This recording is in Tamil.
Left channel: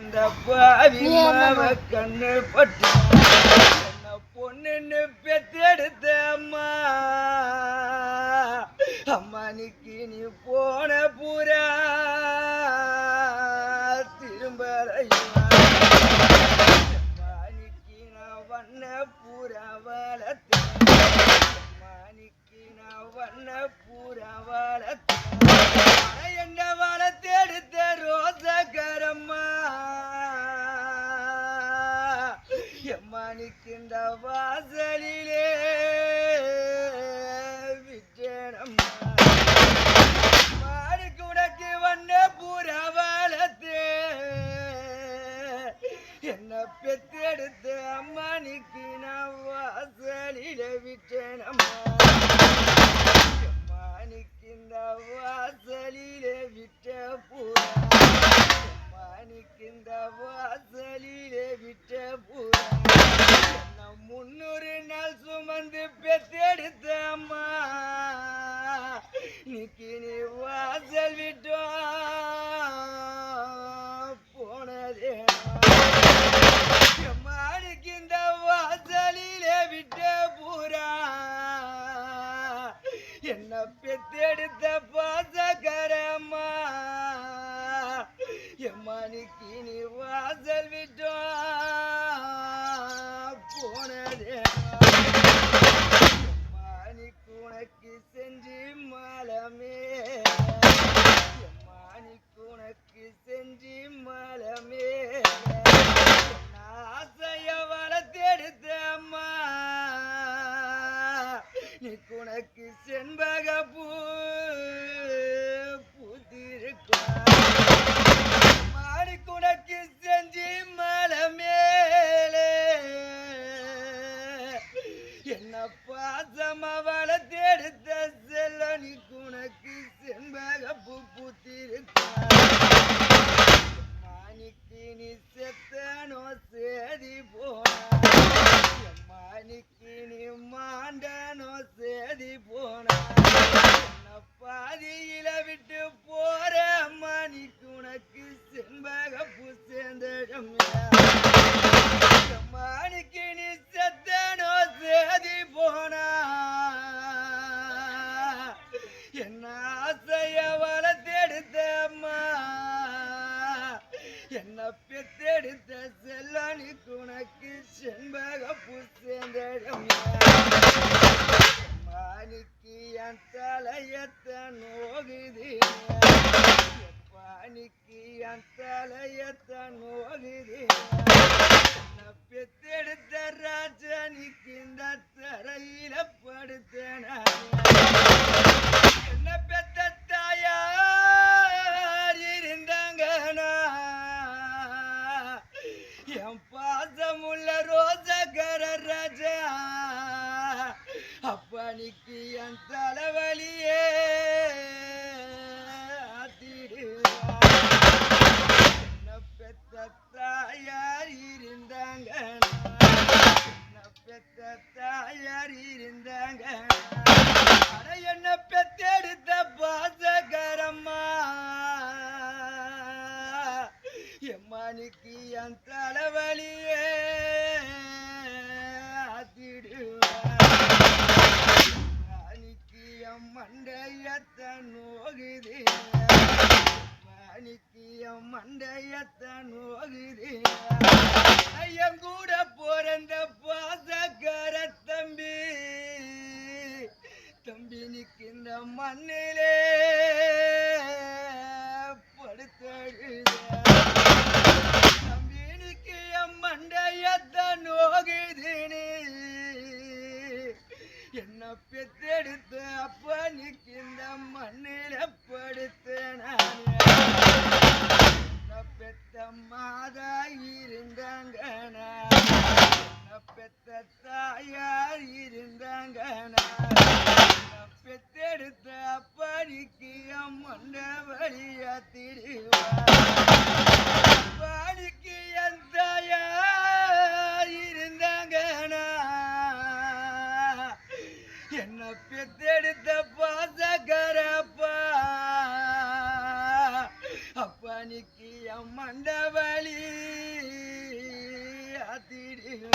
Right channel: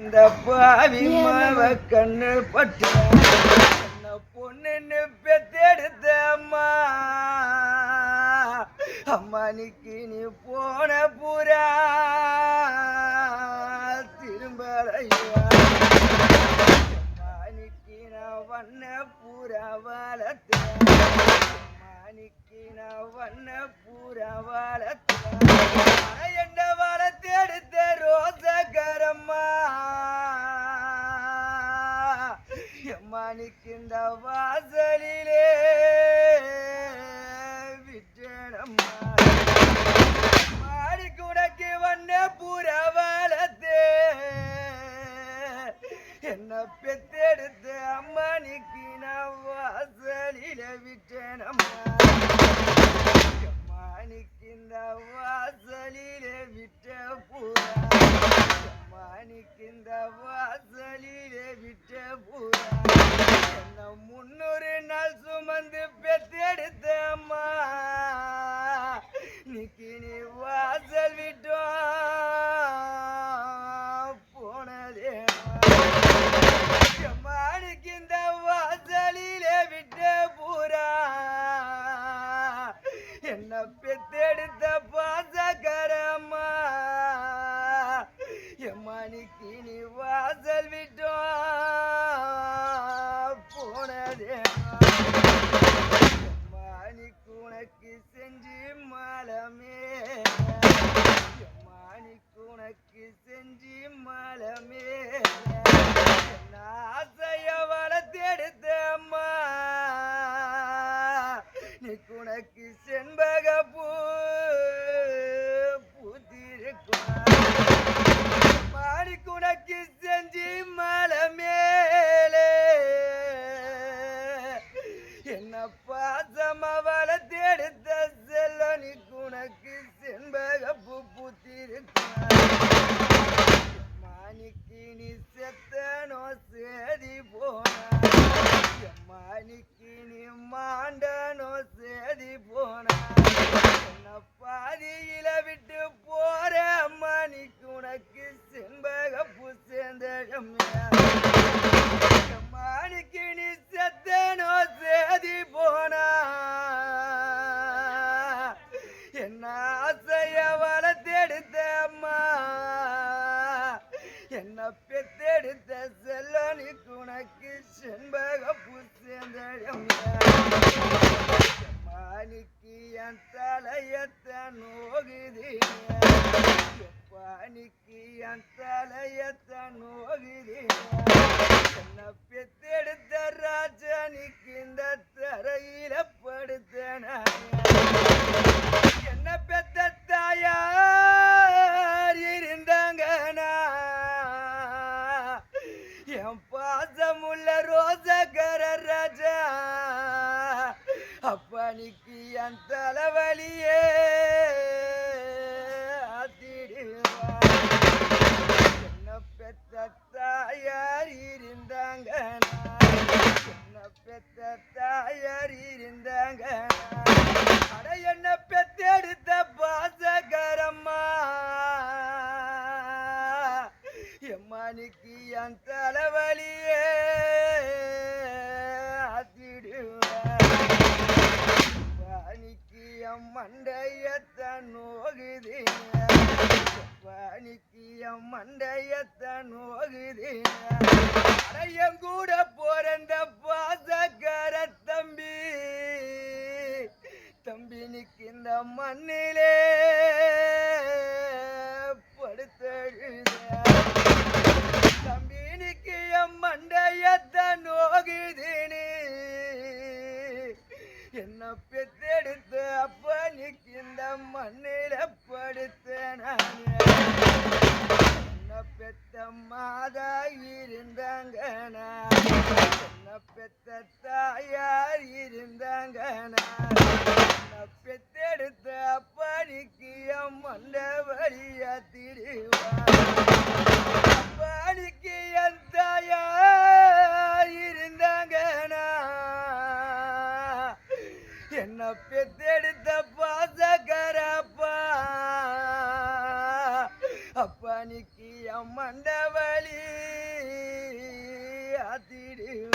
இந்த பாவி மாவ கண்ணு பட்டு பொண்ணுன்னு பெத்தெடுத்த அம்மா. அம்மா நிக்கி நீ போன புறா. திரும்ப மாணிக்கு நான் வண்ண பூரா வளர்த்தேன். மாணிக்கு நான் வண்ண பூரா மணிக்கின்ற வாசலிலே விட்டேனம்மா மாடிக்குடக்கு வண்ண பூரா என்ன பெத்தெடுத்த அம்மானிக்கு நான் வாசலில விட்டேனம்மா மாணிக்கு வாசலிலே விட்ட புற மாணிக்கு வாசலிலே விட்ட பூரா. முன்னூறு நாள் சுமந்து பெத்தெடுத்த அம்மா. நிக்கி நீ வாசல் விட்டோம் போனதே மாணிக்கு வாசலிலே விட்ட பூரா. என்ன பெத்தெடுத்த எம்மானிக்கு நீ வாசல் விட்டோ போனதே மாணிக்கு உனக்கு செஞ்சு மலமே. மாணிக்கு உனக்கு செஞ்சு மலமே. ஆசைய வளர்த்தெடுத்த நீ உனக்கு செண்பக பூ பூத்திருக்கும் என்ன தேடுத்த வளர்த்தெடுத்த செல்ல நீ உனக்கு செண்பக பூ பூத்திருக்கும் மாணிக்கு நீ செத்தனோ சேதி பெத்தெடுத்த செல்லனுக்கு உனக்கு செண்பக பூசேந்தடம் மாணிக்கு என் தலையத்த நோகுதீங்க அப்பனிக்கு என் தலைவலியே என்ன பெத்த தாயார் இருந்தாங்க என்ன பெத்த தாயார் இருந்தாங்க அட என்ன பெத்தெடுத்த பாசகரம்மா? எம்மானிக்கு என் தலைவலியே மண்டையத்த நோகுது பாணிக்கு மண்டையத்த நோகுது என் கூட பிறந்த பாசக்கர தம்பி தம்பி நிற்கின்ற மண்ணிலே படுத்தழுத தம்பி நிக்கு மண்டையத்த என்ன பெற்ற தத்தாயார் இருந்தாங்கனா பெத்தெடுத்த அப்பனுக்கு அம்மண்ட வழிய திருவாணிக்கு எத்தாயார் இருந்தாங்கனா என்ன பெத்தெடுத்த பாசகரப்பா அப்பனுக்கு அம்மண்ட வழி திருவா